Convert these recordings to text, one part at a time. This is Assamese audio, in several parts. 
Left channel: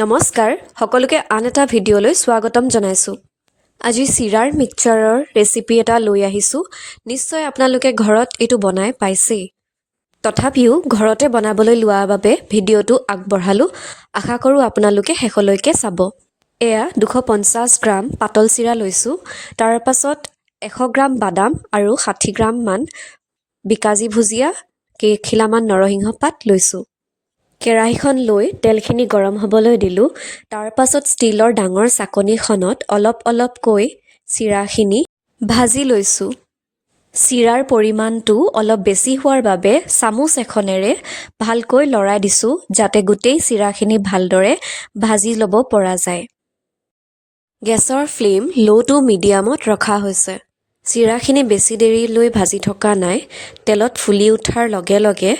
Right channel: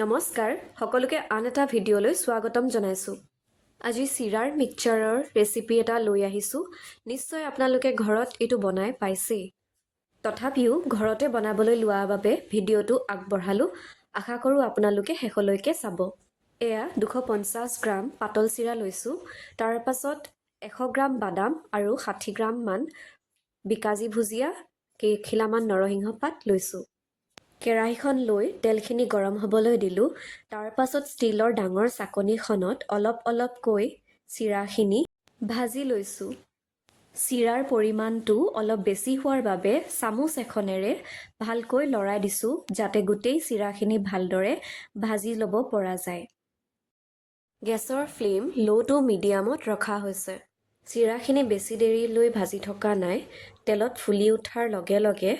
নমস্কাৰ সকলোকে আন এটা ভিডিঅ'লৈ স্বাগতম জনাইছোঁ। আজি চিৰাৰ মিক্সচাৰৰ ৰেচিপি এটা লৈ আহিছোঁ। নিশ্চয় আপোনালোকে ঘৰত এইটো বনাই পাইছেই। তথাপিও ঘৰতে বনাবলৈ লোৱাৰ বাবে ভিডিঅ'টো আগবঢ়ালোঁ। আশা কৰোঁ আপোনালোকে শেষলৈকে চাব। এয়া 250 গ্ৰাম পাতল চিৰা লৈছোঁ। তাৰ পাছত 100 গ্ৰাম বাদাম আৰু 60 গ্ৰাম মান বিকাজী ভুজিয়া, কেইখিলামান নৰসিংহ পাত লৈছোঁ। কেৰাহীখন লৈ তেলখিনি গৰম হ'বলৈ দিলোঁ। তাৰ পাছত ষ্টীলৰ ডাঙৰ চাকনিখনত অলপ অলপকৈ চিৰাখিনি ভাজি লৈছোঁ। চিৰাৰ পৰিমাণটো অলপ বেছি হোৱাৰ বাবে চামুচ এখনেৰে ভালকৈ লৰাই দিছোঁ, যাতে গোটেই চিৰাখিনি ভালদৰে ভাজি ল'ব পৰা যায়। গেছৰ ফ্লেম ল' টু মিডিয়ামত ৰখা হৈছে। চিৰাখিনি বেছি দেৰিলৈ ভাজি থকা নাই। তেলত ফুলি উঠাৰ লগে লগে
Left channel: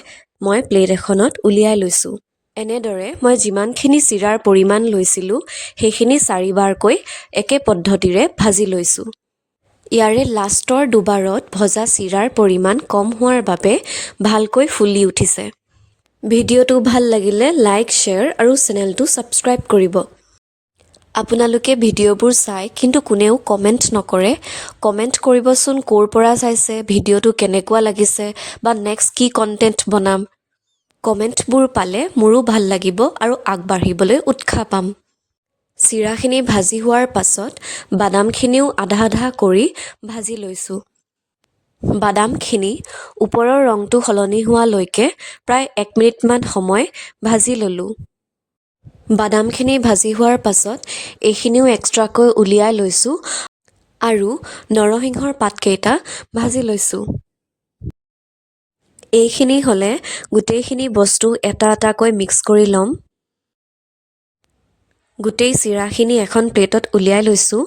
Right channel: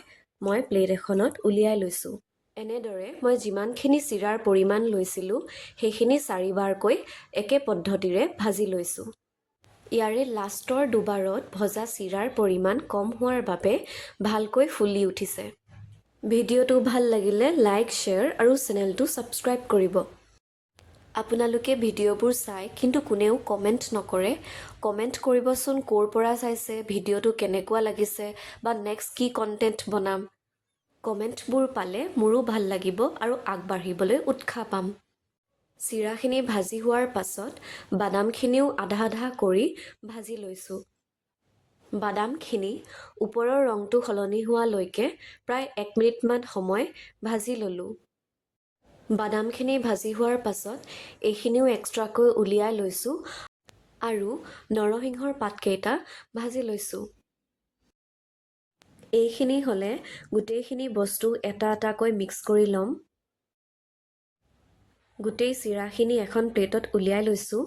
মই প্লেট এখনত উলিয়াই লৈছোঁ। এনেদৰে মই যিমানখিনি চিৰাৰ পৰিমাণ লৈছিলোঁ সেইখিনি 4 বাৰকৈ একে পদ্ধতিৰে ভাজি লৈছোঁ। ইয়াৰে লাষ্টৰ দুবাৰত ভজা চিৰাৰ পৰিমাণ কম হোৱাৰ বাবে ভালকৈ ফুলি উঠিছে। ভিডিঅ'টো ভাল লাগিলে লাইক, শ্বেয়াৰ আৰু চেনেলটো ছাবস্ক্ৰাইব কৰিব। আপোনালোকে ভিডিঅ'বোৰ চাই কিন্তু কোনেও কমেণ্ট নকৰে। কমেণ্ট কৰিবচোন ক'ৰ পৰা চাইছে, ভিডিঅ'টো কেনেকুৱা লাগিছে বা নেক্সট কি কণ্টেণ্ট বনাম। কমেণ্টবোৰ পালে মোৰো ভাল লাগিব আৰু আগবাঢ়িবলৈ উৎসাহ পাম। চিৰাখিনি ভাজি হোৱাৰ পাছত বাদামখিনিও আধা আধা কৰি ভাজি লৈছোঁ। বাদামখিনি ওপৰৰ ৰংটো সলনি হোৱালৈকে প্ৰায় 1 মিনিটমান সময় ভাজি ল'লোঁ। বাদামখিনি ভাজি হোৱাৰ পাছত এইখিনিও এক্সট্ৰাকৈ উলিয়াই লৈছোঁ আৰু নৰসিংহৰ পাতকেইটা ভাজি লৈছোঁ। এইখিনি হ'লে গোটেইখিনি বস্তু এটা এটাকৈ মিক্স কৰি ল'ম। গোটেই চিৰাখিনি এখন প্লেটত উলিয়াই লৈছোঁ।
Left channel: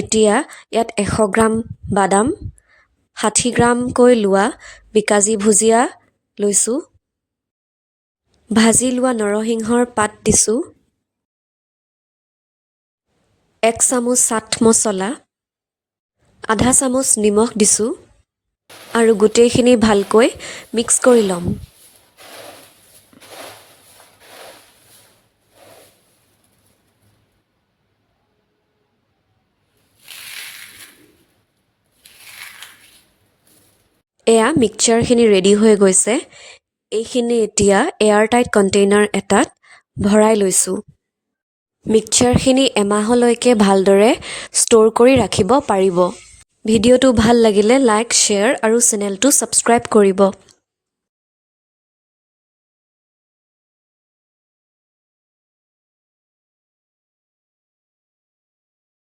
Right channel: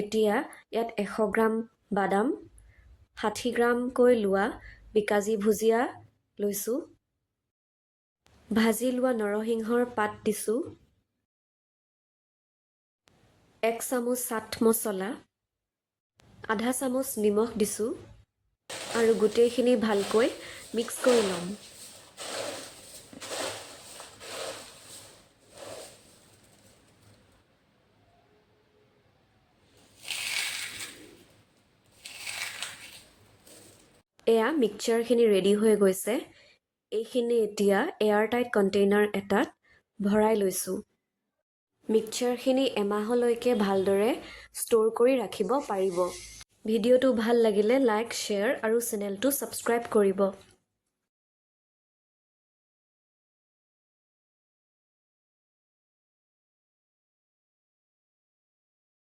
এতিয়া ইয়াত 100 গ্ৰাম বাদাম, 60 গ্ৰামকৈ লোৱা বিকাজী ভুজিয়া লৈছোঁ। ভাজি লোৱা নৰসিংহৰ পাত দিছোঁ। 1 চামুচ চাট মছলা, আধা চামুচ নিমখ দিছোঁ আৰু গোটেইখিনি ভালকৈ মিক্স কৰি ল'ম। এয়া মিক্সচাৰখিনি ৰেডি হৈ গৈছে। এইখিনি এতিয়া এয়াৰটাইট কণ্টেইনাৰ এটাত ভৰাই লৈছোঁ। মিক্সচাৰখিনি এমাহলৈকে ভালদৰে ষ্ট'ৰ কৰি ৰাখিব পাৰিব। ভিডিঅ'টো ভাল লাগিলে লাইক, শ্বেয়াৰ আৰু চেনেলটো ছাবস্ক্ৰাইব কৰিব।